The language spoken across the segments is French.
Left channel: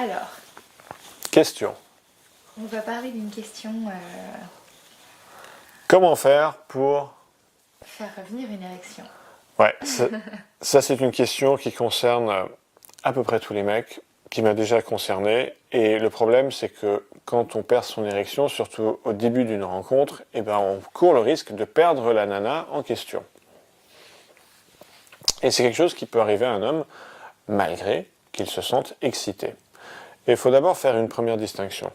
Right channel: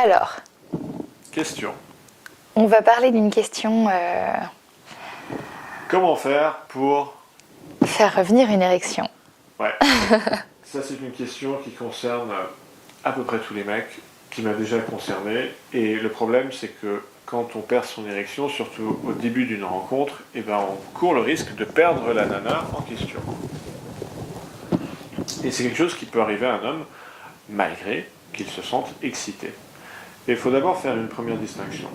Alors, Question. on va parler d'une question Comment faire pour... faire revenir une érection. Ouais, ça c'est une question qui concerne à peu près tous les mecs, qui m'a déjà concerné. Et le problème c'est que quand on perd son érection, surtout au début d'une rencontre, eh ben, on court le risque de perdre la nana en question. Et c'est quelque chose qui peut arriver à un homme malgré qu'il se sente excité. Et il faut d'abord faire une première distinction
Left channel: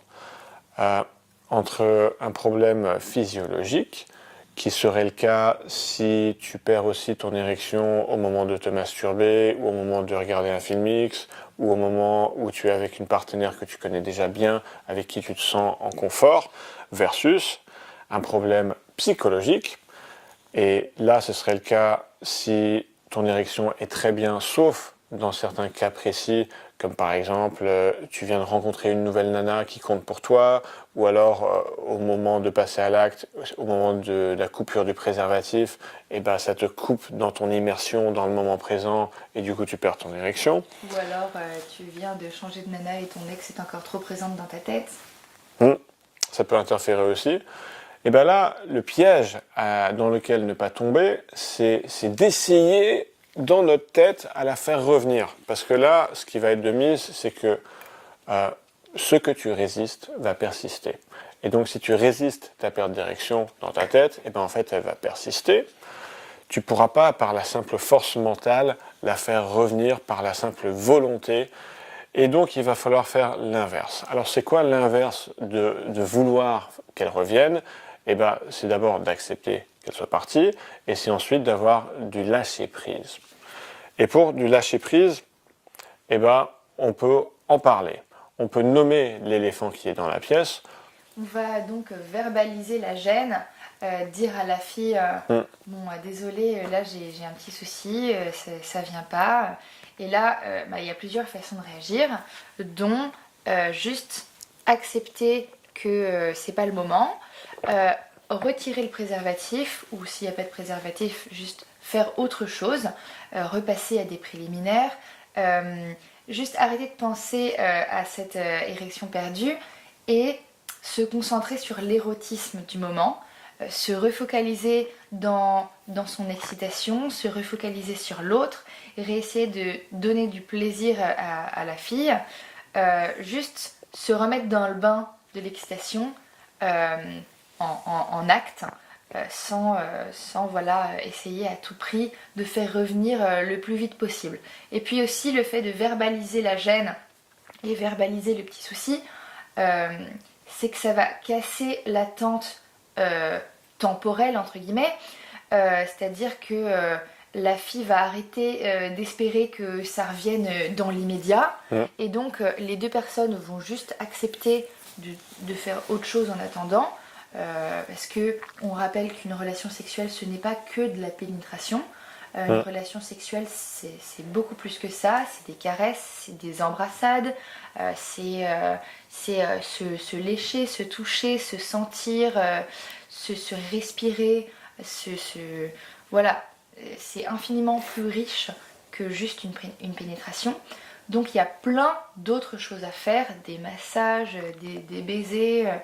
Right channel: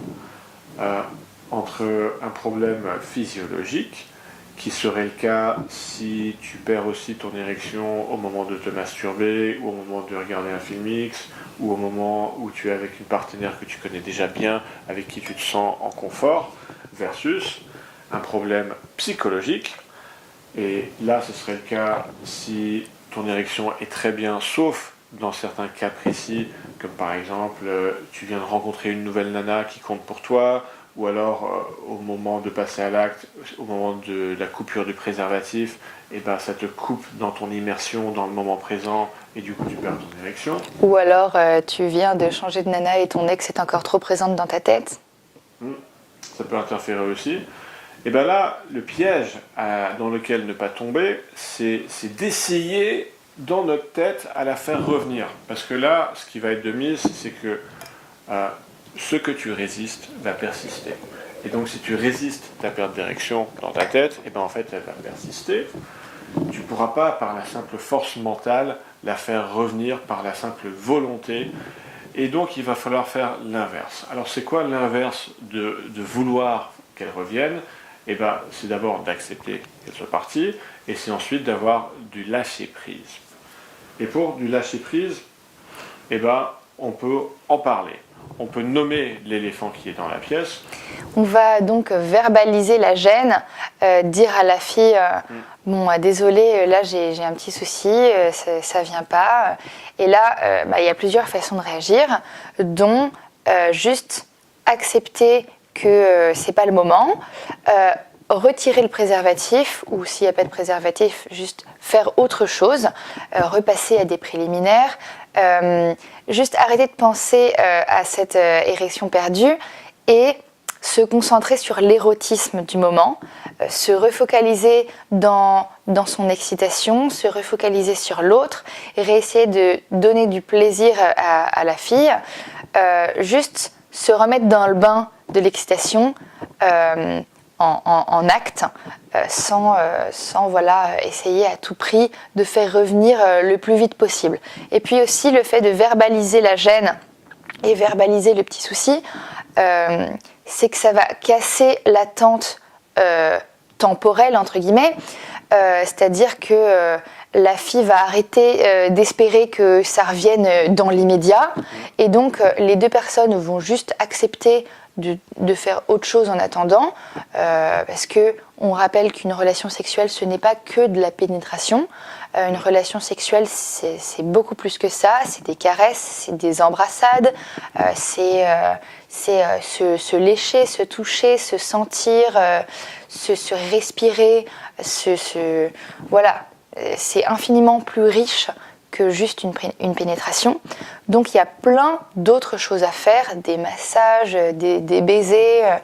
entre un problème physiologique, qui serait le cas si tu perds aussi ton érection au moment de te masturber, ou au moment de regarder un film X, ou au moment où tu es avec une partenaire que tu connais déjà bien, avec qui tu te sens en confort, versus un problème psychologique. Et là, ce serait le cas si ton érection est très bien, sauf dans certains cas précis, comme par exemple, tu viens de rencontrer une nouvelle nana qui compte pour toi, ou alors au moment de passer à l'acte, au moment de la coupure du préservatif, et ben, ça te coupe dans ton immersion dans le moment présent, et du coup tu perds ton érection. Ou alors tu viens de changer de nana et ton ex est encore trop présente dans ta tête. Ça peut interférer aussi. Et bien là, le piège dans lequel ne pas tomber, c'est d'essayer dans notre tête à la faire revenir. Parce que là, ce qui va être de mise, c'est que ce que tu résistes va persister. Et donc si tu résistes ta perte d'érection dans ta tête, et ben en fait elle va persister. Tu ne pourras pas, par la simple force mentale, la faire revenir par la simple volonté. Et donc il va falloir faire l'inverse. Alors c'est quoi l'inverse de vouloir qu'elle revienne? Eh ben, c'est d'abord d'accepter qu'elle soit partie, et c'est ensuite d'avoir du lâcher-prise. Et pour du lâcher-prise, eh ben, on peut en parler. On peut nommer l'éléphant qui est dans la pièce. On va donc verbaliser la gêne, dire à la fille bon, désolé, là j'ai un petit souci, ça vient pas. Et là, il y a plusieurs façons de réagir, dont juste accepter que c'est pas le moment, retirer le préservatif, ou s'il n'y a pas de préservatif, juste faire autre chose, repasser à des préliminaires, juste arrêter de penser à cette érection perdue et se concentrer sur l'érotisme du moment, se refocaliser dans son excitation, se refocaliser sur l'autre, et réessayer de donner du plaisir à la fille, juste se remettre dans le bain de l'excitation en acte, sans voilà, essayer à tout prix de faire revenir le plus vite possible. Et puis aussi le fait de verbaliser la gêne et verbaliser le petit souci, c'est que ça va casser l'attente temporelle, entre guillemets, c'est-à-dire que la fille va arrêter d'espérer que ça revienne dans l'immédiat, et donc les deux personnes vont juste accepter de faire autre chose en attendant, parce que on rappelle qu'une relation sexuelle, ce n'est pas que de la pénétration. Une relation sexuelle, c'est beaucoup plus que ça. C'est des caresses, c'est des embrassades, c'est se lécher, se toucher, se sentir, se respirer, voilà. C'est infiniment plus riche que juste une pénétration. Donc il y a plein d'autres choses à faire, des massages, des baisers,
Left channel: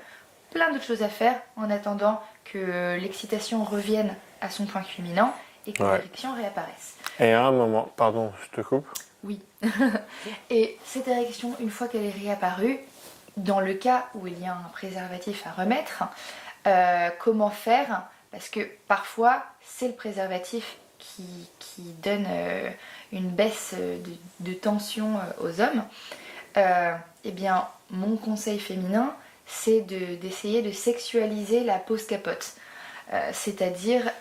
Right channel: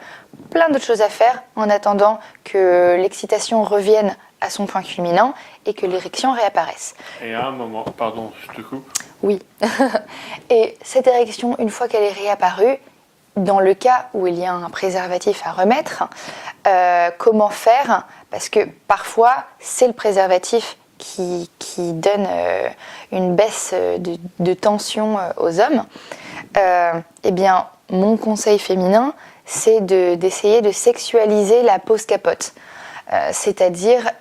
plein d'autres choses à faire en attendant que l'excitation revienne à son point culminant et que l'érection réapparaisse. Et à un moment, pardon, je te coupe. Oui. Et cette érection, une fois qu'elle est réapparue, dans le cas où il y a un préservatif à remettre, comment faire? Parce que parfois, c'est le préservatif qui donne une baisse de tension aux hommes. Eh bien, mon conseil féminin, c'est d'essayer de sexualiser la pose capote. C'est-à-dire,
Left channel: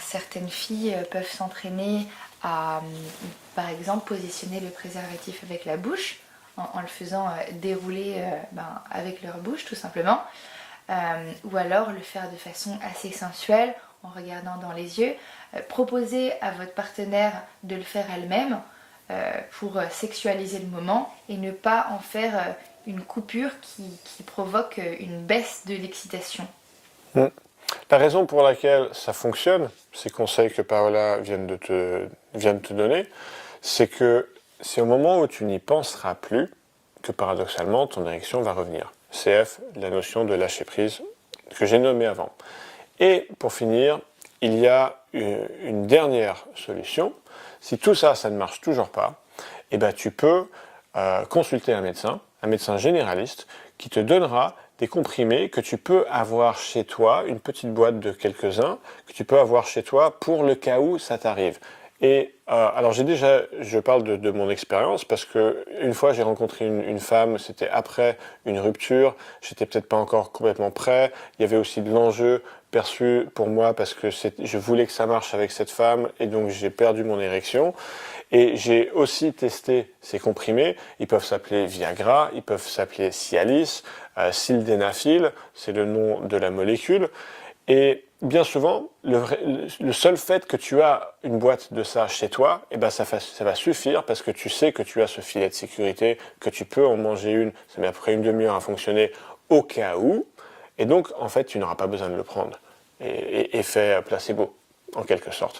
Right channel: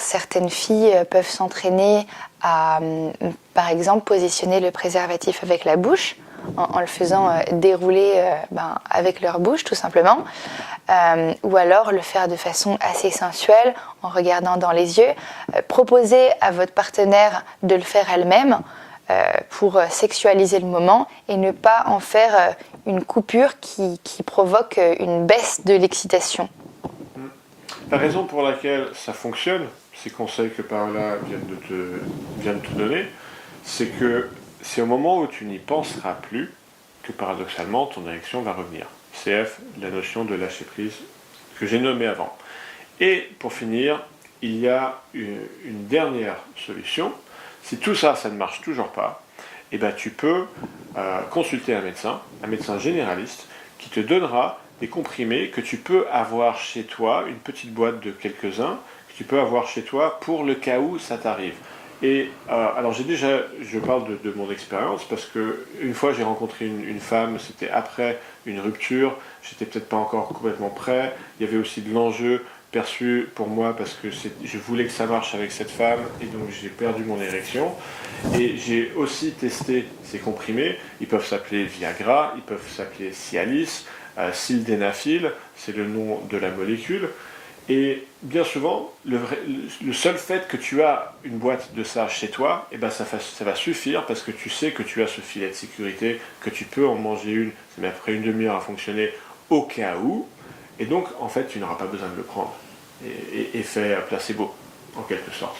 certaines filles peuvent s'entraîner à, par exemple, positionner le préservatif avec la bouche, en le faisant dérouler avec leur bouche, tout simplement. Ou alors le faire de façon assez sensuelle, en regardant dans les yeux. Proposer à votre partenaire de le faire elle-même pour sexualiser le moment et ne pas en faire une coupure qui provoque une baisse de l'excitation. La raison pour laquelle ça fonctionne, ces conseils que Paola vient de te donner, c'est que c'est au moment où tu n'y penseras plus que paradoxalement, ton érection va revenir. CF, la notion de lâcher prise que j'ai nommée avant. Et pour finir, il y a une dernière solution. Si tout ça, ça ne marche toujours pas, eh ben, tu peux consulter un médecin généraliste, qui te donnera des comprimés que tu peux avoir chez toi, une petite boîte de quelques-uns, que tu peux avoir chez toi pour le cas où ça t'arrive. Et alors je parle de mon expérience parce que une fois j'ai rencontré une femme, c'était après une rupture, j'étais peut-être pas encore complètement prêt, il y avait aussi de l'enjeu perçu pour moi parce que je voulais que ça marche avec cette femme et donc j'ai perdu mon érection. Et j'ai aussi testé ces comprimés, ils peuvent s'appeler Viagra, ils peuvent s'appeler Cialis, Sildenafil, c'est le nom de la molécule. Et bien souvent, le seul fait que tu as une boîte de ça chez toi, eh ben ça va suffire parce que tu sais que tu as ce filet de sécurité, que tu peux en manger une, ça met à peu près une demi-heure à fonctionner au cas où. Et donc, en fait, tu n'auras pas besoin de le prendre. Effet placebo, en quelque sorte.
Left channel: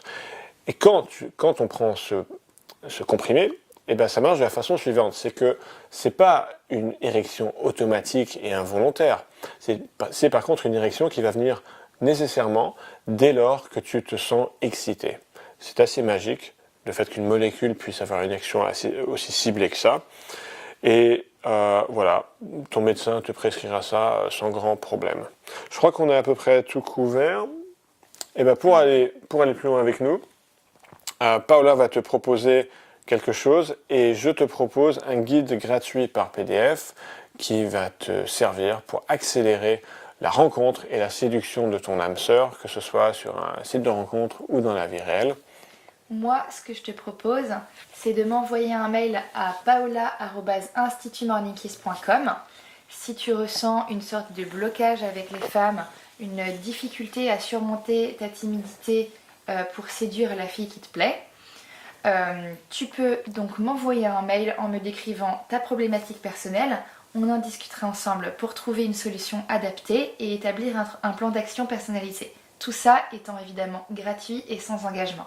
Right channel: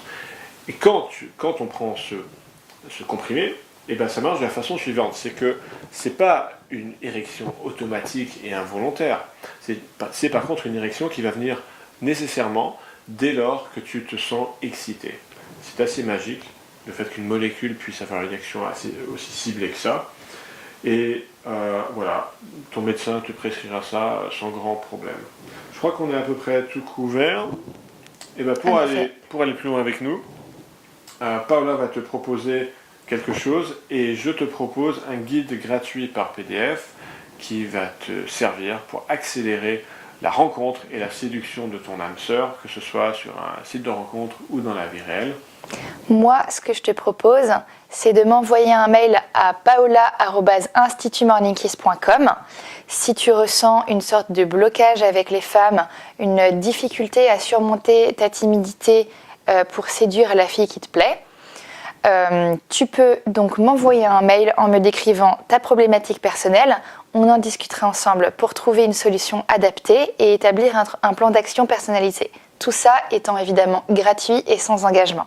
Et quand on prend ce comprimé, eh ben ça marche de la façon suivante. C'est que c'est pas une érection automatique et involontaire. C'est par contre une érection qui va venir nécessairement dès lors que tu te sens excité. C'est assez magique, le fait qu'une molécule puisse avoir une action aussi ciblée que ça. Et voilà, ton médecin te prescrira ça sans grand problème. Je crois qu'on a à peu près tout couvert. Et ben pour aller plus loin avec nous, Paola va te proposer quelque chose et je te propose un guide gratuit par PDF qui va te servir pour accélérer la rencontre et la séduction de ton âme sœur, que ce soit sur un site de rencontre ou dans la vie réelle. Moi, ce que je te propose, c'est de m'envoyer un mail à paola@institutmorningkiss.com si tu ressens une sorte de blocage avec les femmes, une difficulté à surmonter ta timidité pour séduire la fille qui te plaît. Tu peux donc m'envoyer un mail en me décrivant ta problématique personnelle. On en discutera ensemble pour trouver une solution adaptée et établir un plan d'action personnalisé. Tout ça étant évidemment gratuit et sans engagement.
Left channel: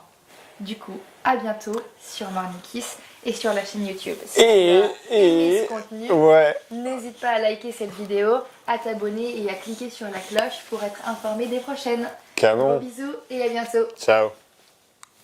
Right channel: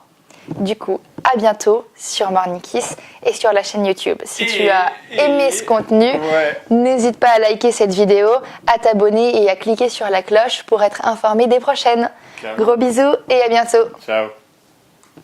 Du coup, à bientôt sur Morning Kiss et sur la chaîne YouTube. Si tu as aimé ce contenu, n'hésite pas à liker cette vidéo, à t'abonner et à cliquer sur la cloche pour être informé des prochaines. Gros bisous et à bientôt. Ciao.